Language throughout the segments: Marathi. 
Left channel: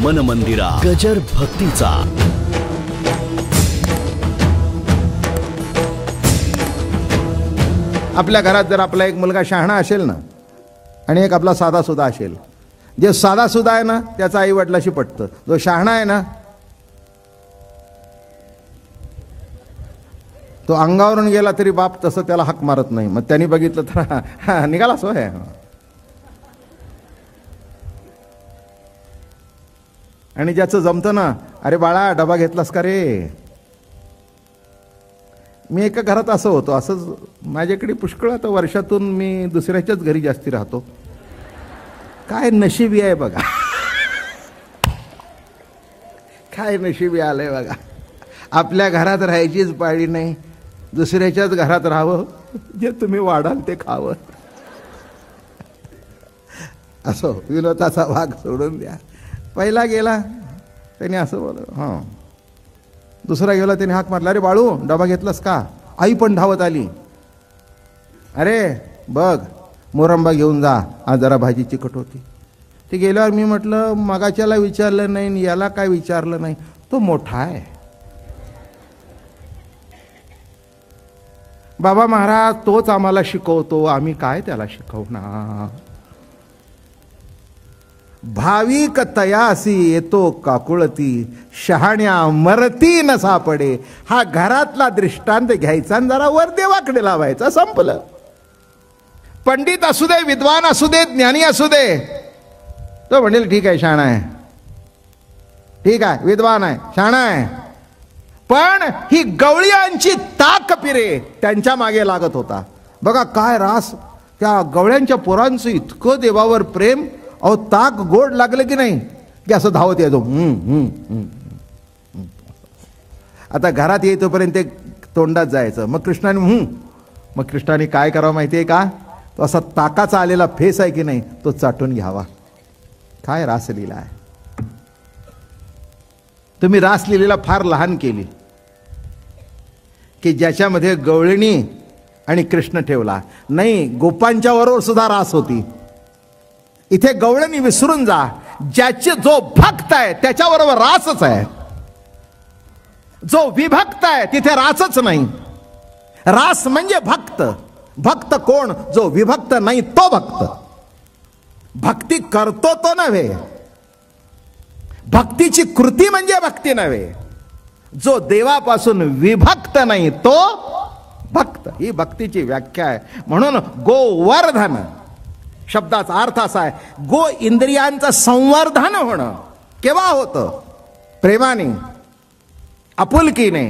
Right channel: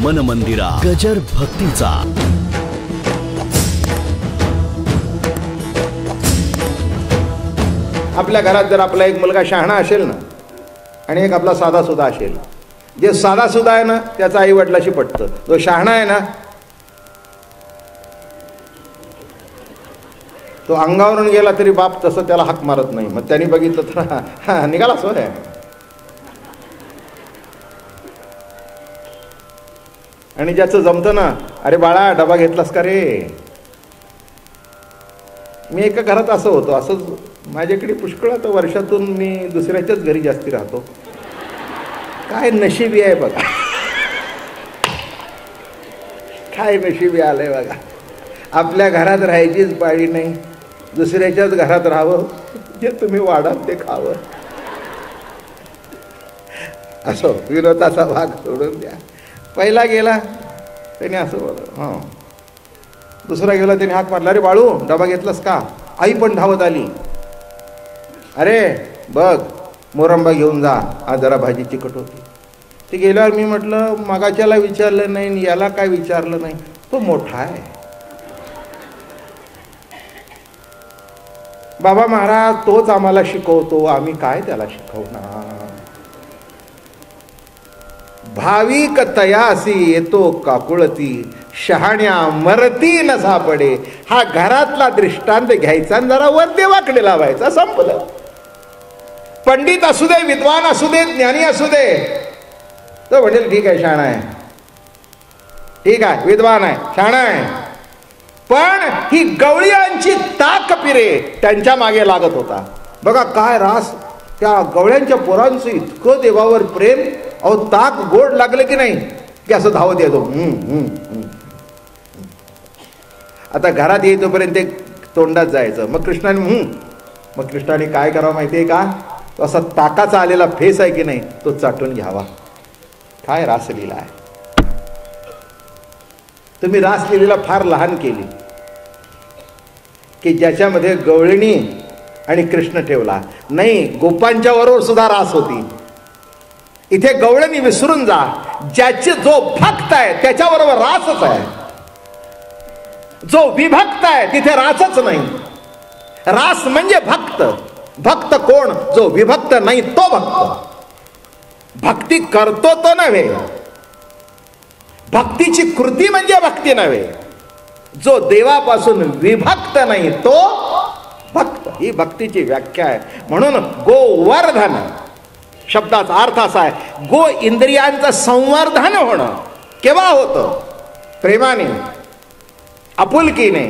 मन मंदिरा गजर भक्तीचा. आपल्या घरात जर आपला एक मुलगा शहाणा असेल ना आणि एक आपला साधा सुद्धा असेल, जे साधा सुद्धा आहे ना त्याचा आई वडिलाशी पटतं, जो शहाणा आहे ना तो अंगावरून गेला तरी बाप तसं त्याला हाक मारत नाही. मग त्यांनी बघितलं तर निघाला सोय. आणि ज्याचं जमतं ना, अरे बाळा डबा घेतलास का रे. मी एका घरात असं होतो, असंच माझ्याकडे पुष्कळ आता वर्षातून मी दुसऱ्याच्याच घरी जास्ती राहतो. काय नशिबी आहे बघा, काय नशिबी आलंय बघा. आपल्या घरात राहायचीच पाळी नाही, दुसऱ्याच्याच घरात राहावं, जे तुम्ही वाढाल ते खावं. असो विरोधाचा भाग सोडून द्या. पहिला गेला त्याने असं बोललं, हां. दुसरा गेला त्याने हाक मारला, अरे बाळू डबा घेतलास का. आई पण धावत आली, अरे बघ मोरंबा घेऊन जा, आज जरा भाजी चिकट होती. ते गेल्यावर मी म्हटलं मगाच्याला विचारलं नाही, याला काय विचारलं नाही, तो मोठा आहे. बाबा महाराज तोच आम्हाला शिकवतो, आम्ही काय त्याला शिकवणार. भाविक तयासी येतो काकुळती, शहाण्या मरती न सापडे. हा घरातला दृष्टांत घ्यायचा आणि जरा वर देवाकडे लावायचा, संपलं. पंडित असू दे, विद्वान असू दे, ज्ञानी असू दे, तो म्हणेल ठीक आहे शहाणा आहे, ठीक आहे विद्वान आहे, शहाणा आहे. पण ही गवळ्यांची ताक पिरे त्यांच्या मागे लागत होता. बघा काय रास त्या गवळ्यांच्या पोरांचं, इतकं देवावर प्रेम. अहो ताक गोड लागलं की नाही की असं धावत येतो. आता घरात येईतोपर्यंत ते तोंडात जायचं. मग कृष्णाने काय करावं माहितीये का, तो असा ताकाचा आलेला फेस आहे की नाही तो चाटून घ्यावा. काय रासलीला आहे. तुम्ही रासलीला फार लहान केली की ज्याच्यामध्ये गवळणी आणि कृष्ण ठेवला नाही. गोपांच्या बरोबर सुद्धा रास होती. इथे गवळणी विसरून जा, ज्याची जो भक्त आहे त्याच्याबरोबर रासच आहे. जो विभक्त आहे तिथे रासच नाही. रास म्हणजे भक्त. भक्त कोण, जो विभक्त नाही तो भक्त. भक्ती करतो तो नव्हे, भक्तीची कृती म्हणजे भक्ती नव्हे. जो देवापासून विभक्त नाही तो भक्त, ही भक्तीची व्याख्या आहे. म्हणून गोवर्धन शब्दाचा अर्थ असा आहे, गो इंद्रियांचं संवर्धन होणं. केव्हा होतं, प्रेमाने, आपुलकीने,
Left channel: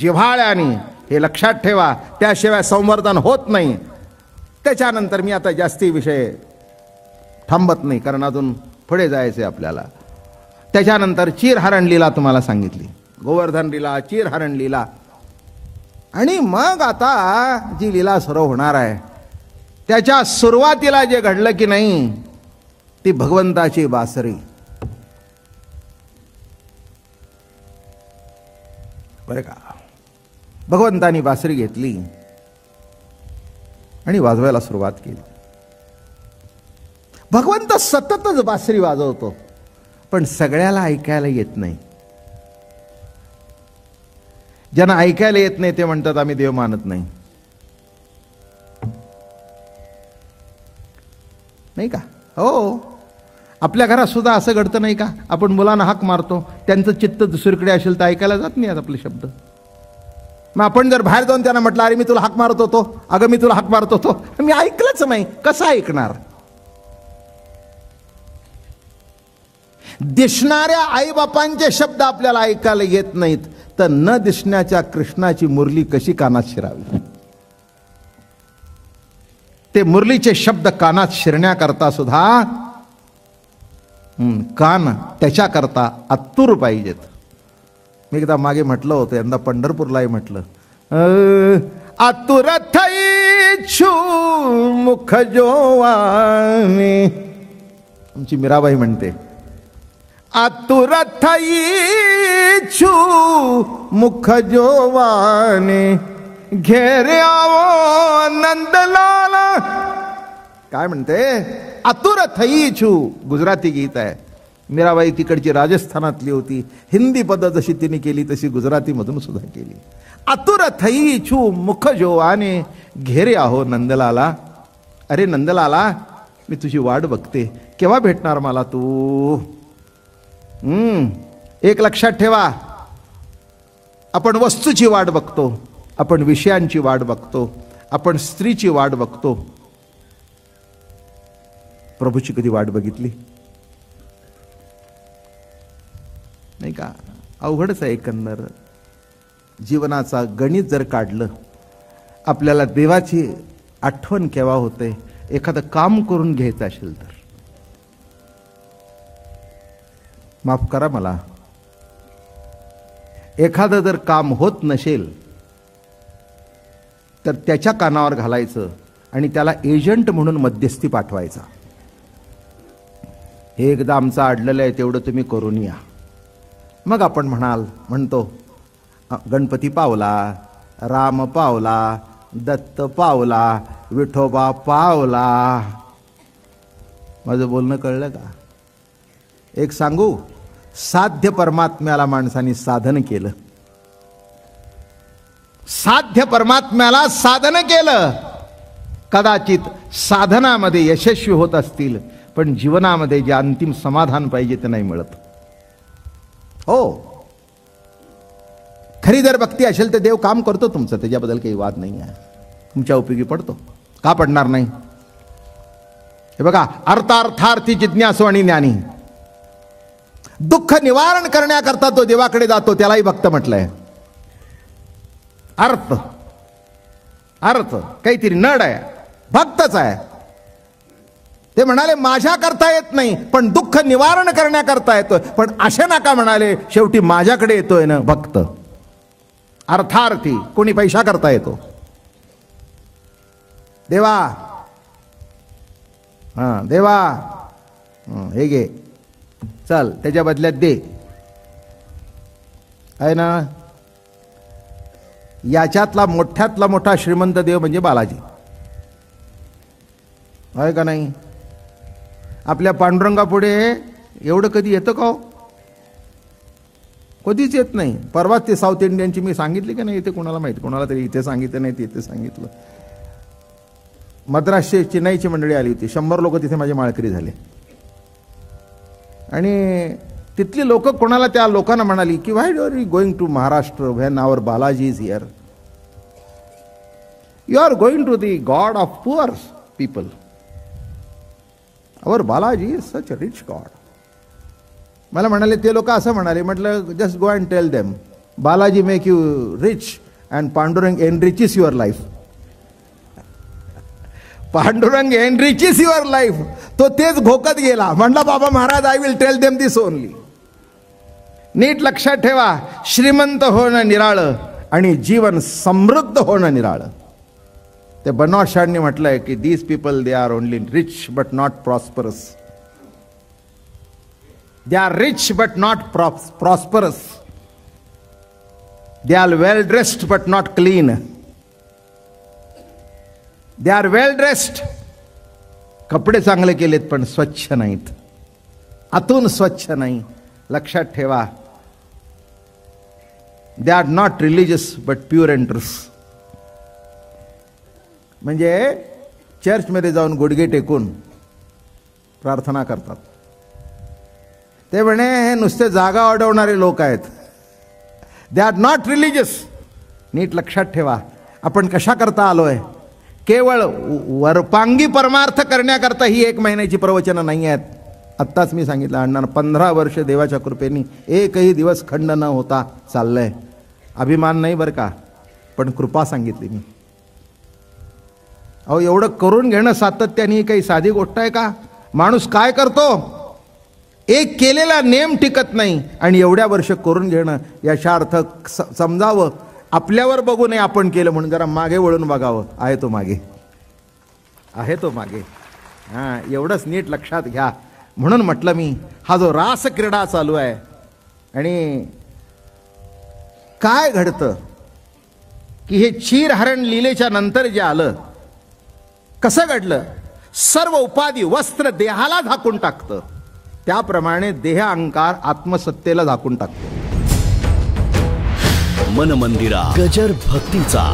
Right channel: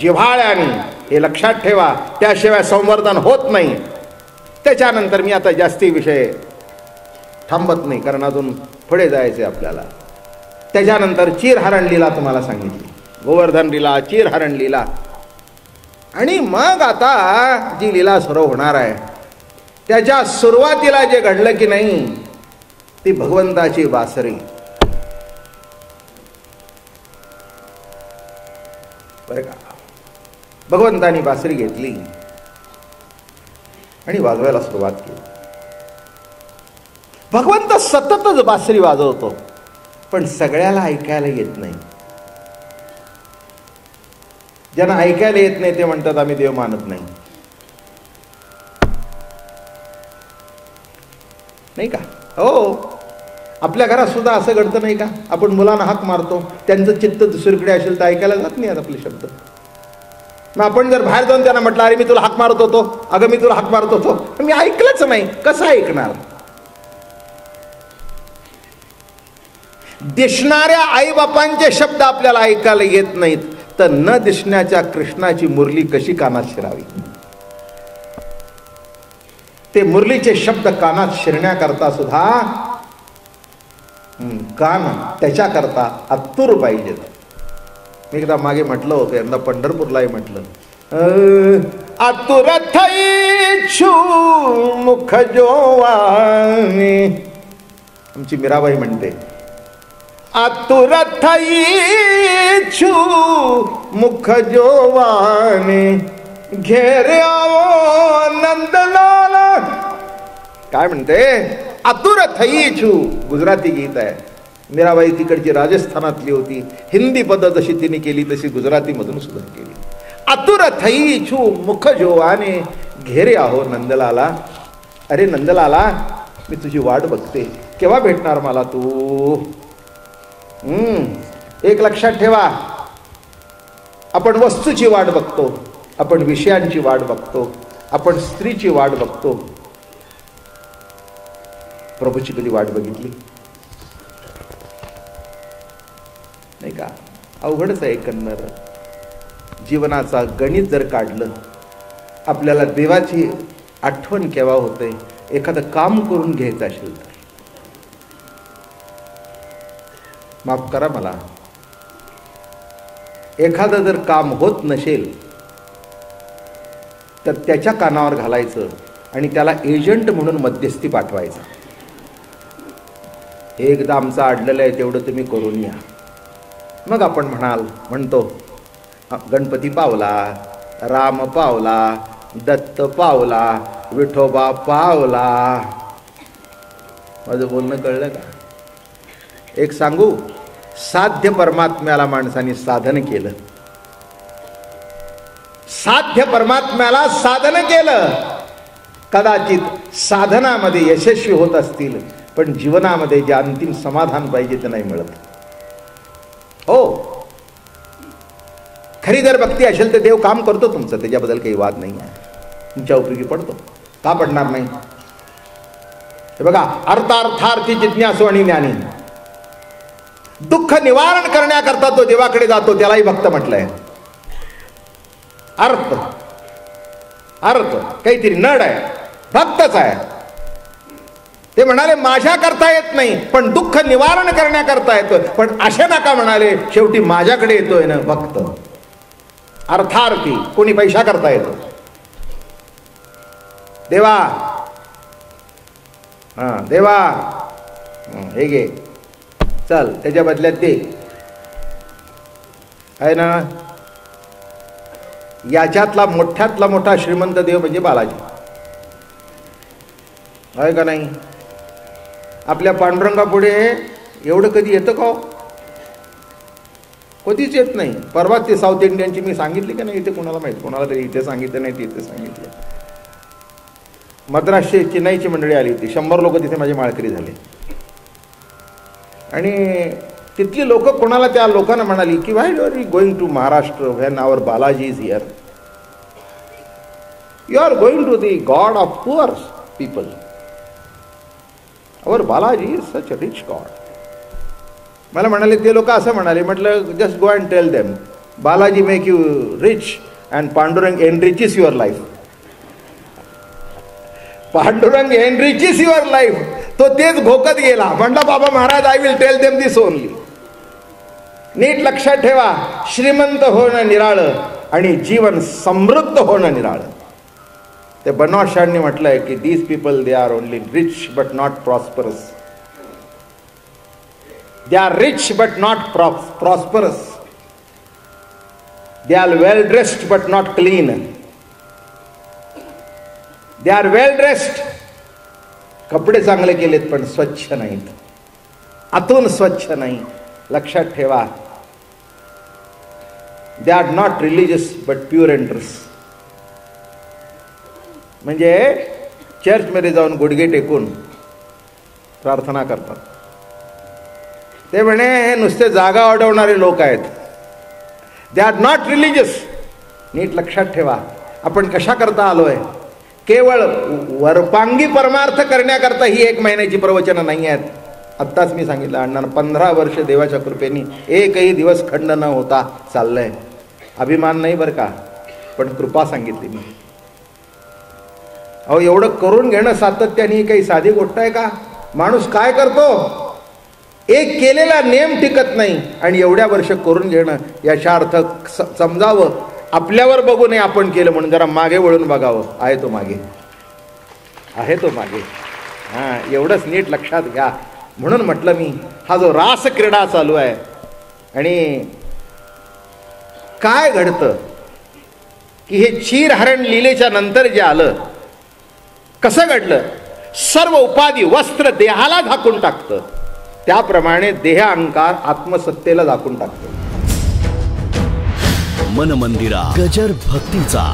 जिव्हाळ्याने. हे लक्षात ठेवा, त्याशिवाय संवर्धन होत नाही. त्याच्यानंतर मी आता जास्ती विषय थांबत नाही, कारण अजून पुढे जायचे आपल्याला. त्याच्यानंतर चीरहरण लीला तुम्हाला सांगितली, गोवर्धन लीला, चीरहरण लीला. आणि मग आता जी लीला सुरू होणार आहे त्याच्या सुरुवातीला जे घडलं की नाही, ती भगवंताची बासरी. बरं का, भगवंतानी बासरी घेतली आणि वाजवायला सुरुवात केली. भगवंत सततच बासरी वाजवतो, पण सगळ्याला ऐकायला येत नाही. ज्यांना ऐकायला येत नाही ते म्हणतात आम्ही देव मानत नाही. नाही का, हो. आपल्या घरात सुद्धा असं घडतं नाही का, आपण मुलांना हाक मारतो, त्यांचं चित्त दुसरीकडे असेल तर ऐकायला जात नाही आपले शब्द. मग आपण जर बाहेर जाऊन त्यांना म्हटलं अरे मी तुला हाक मारत होतो, अगं मी तुला हाक मारत होतो, मी ऐकलंच नाही, कसं ऐकणार. दिसणाऱ्या आईबापांचे शब्द आपल्याला ऐकायला येत नाहीत, तर न दिसण्याच्या कृष्णाची मुरली कशी कानात शिरावी. ते मुरलीचे शब्द कानात शिरण्याकरता सुद्धा कान त्याच्याकरता आतुर पाहिजेत. मी एकदा मागे म्हटलं होतं, यंदा पंढरपूरलाही म्हटलं, आतुर थैछु मुख जोवानी. आमची मीराबाई म्हणते, आतुर थैछु मुख जोवानी घेरे आवो नंदलाल. काय म्हणते, आतुर थईछु, गुजराती गीत आहे. मीराबाई तिकडची राजस्थानातली होती. हिंदी पद जशी तिने केली तशी गुजरातीमधून सुद्धा केली. आतुर थई छू मुख जोवाने घेरे आहो नंदलाला. अरे नंदलाला, मी तुझी वाट बघते, केव्हा भेटणार मला तू? एक लक्षात ठेवा, आपण वस्तूची वाट बघतो, आपण विषयांची वाट बघतो, आपण स्त्रीची वाट बघतो. प्रभूची कधी वाट बघितली नाही का? अवघडच आहे एकंदर जीवनाचा गणित जर काढलं, आपल्याला देवाची आठवण केव्हा होते, एखादं काम करून घ्यायचं असेल तर. माफ करा मला, एखादं जर काम होत नसेल तर त्याच्या कानावर घालायचं आणि त्याला एजंट म्हणून मध्यस्थी पाठवायचा. हे एकदा आमचं अडलेलं आहे, तेवढं तुम्ही करून या. मग आपण म्हणतो गणपती पावला, राम पावला, दत्त पावला, विठोबा पावला. माझं बोलणं कळलं का? एक सांगू, साध्य परमात्म्याला माणसाने साधन केलं, साध्य परमात्म्याला साधन केलं. कदाचित साधनामध्ये यशस्वी होत असतील, पण जीवनामध्ये जे अंतिम समाधान पाहिजे ते नाही मिळत. हो, खरी जर भक्ती असेल तर देव काम करतो तुमचं, त्याच्याबद्दल काही वाद नाही आहे, तुमच्या उपयोगी पडतो. का पडणार नाही? हे बघा, अर्थार्थार्थी जिज्ञासू आणि ज्ञानी, दुःख निवारण करण्याकरता तो देवाकडे जातो, त्यालाही भक्त म्हटलंय. अर्थ अर्थ काहीतरी नड आहे, भक्तच आहे. ते म्हणाले माझ्या करता येत नाही, पण दुःख निवारण करण्याकरता येतोय. पण असे नका म्हणाले, शेवटी माझ्याकडे येतोय ना भक्त. अर्थार्थी कोणी पैसा करता येतो. देवा, देवा हे घे, चल त्याच्या बदल्यात दे, आहे ना. याच्यातला मोठ्यातला मोठा श्रीमंत देव म्हणजे बालाजी, आहे का नाही? आपल्या पांडुरंगापुढे एवढं कधी येतं का? कधीच येत नाही. परवा ते साऊथ इंडियनची मी सांगितली की नाही, इथे कोणाला माहित, कोणाला तरी इथे सांगितलं नाही, तिथे सांगितलं. मद्रासची चेन्नईची मंडळी आली होती, 100 लोक तिथे माझे माळकरी झाले. आणि तिथली लोक कोणाला, त्या लोकांना म्हणाली की why are you going to Maharashtra when our Balaji is here? You are going to the god of poor people. Our Balaji is such a rich god. मला म्हणाले ते लोक असं म्हणाले, म्हटलं just go and tell them Balaji make you rich and Pandurang enriches your life. Pandurang enriches your life. तो तेच भोकत गेला, म्हणला बाबा महाराज I will tell them this only. नीट लक्षात ठेवा, श्रीमंत होणं निराळं आणि जीवन समृद्ध होणं निराळं. ते बनवाशांनी म्हटलंय की these people they are only rich but not prosperous. They are rich but not prosperous. They are well dressed but not clean. They are well dressed, कपडे चांगले केलेत पण स्वच्छ नाहीत, आतून स्वच्छ नाही. लक्षात ठेवा, दे are not religious but pure enters. म्हणजे चर्चमध्ये जाऊन गुडघे टेकून प्रार्थना करतात. ते म्हणे हे नुसते जागा अडवणारे लोक आहेत. They are not religious. नीट लक्षात ठेवा, आपण कशा करता आलोय? केवळ वरपांगी परमार्थ करण्याकरता ही 1 महिन्याची प्रवचनं नाही आहेत. आत्ताच मी सांगितलं, अण्णा 15 वर्ष देवाच्या कृपेने एकही दिवस खंड न होता चाललंय. अभिमान नाही बरं का, पण कृपा सांगितली मी. अहो एवढं करून घेणं सातत्याने काही साधी गोष्ट आहे का? माणूस काय करतो, एक केलेला नेम टिकत नाही, आणि एवढ्या वर्ष करून घेणं याचा अर्थ समजावं, आपल्यावर बघू नये आपण केलं म्हणून जरा मागे वळून बघावं, आहे तो मागे, आहे तो मागे. एवढंच नीट लक्षात घ्या. म्हणून म्हटलं मी, हा जो रास क्रीडा चालू आहे, आणि काय घडतं की हे क्षीरहरण लीलेच्या नंतर जे आलं, कसं घडलं? सर्व उपाधी वस्त्र देहाला झाकून टाकतं. त्याप्रमाणे देह अहंकार आत्मसत्तेला झाकून टाकतो. मन मंदिरा गजर भक्तीचा.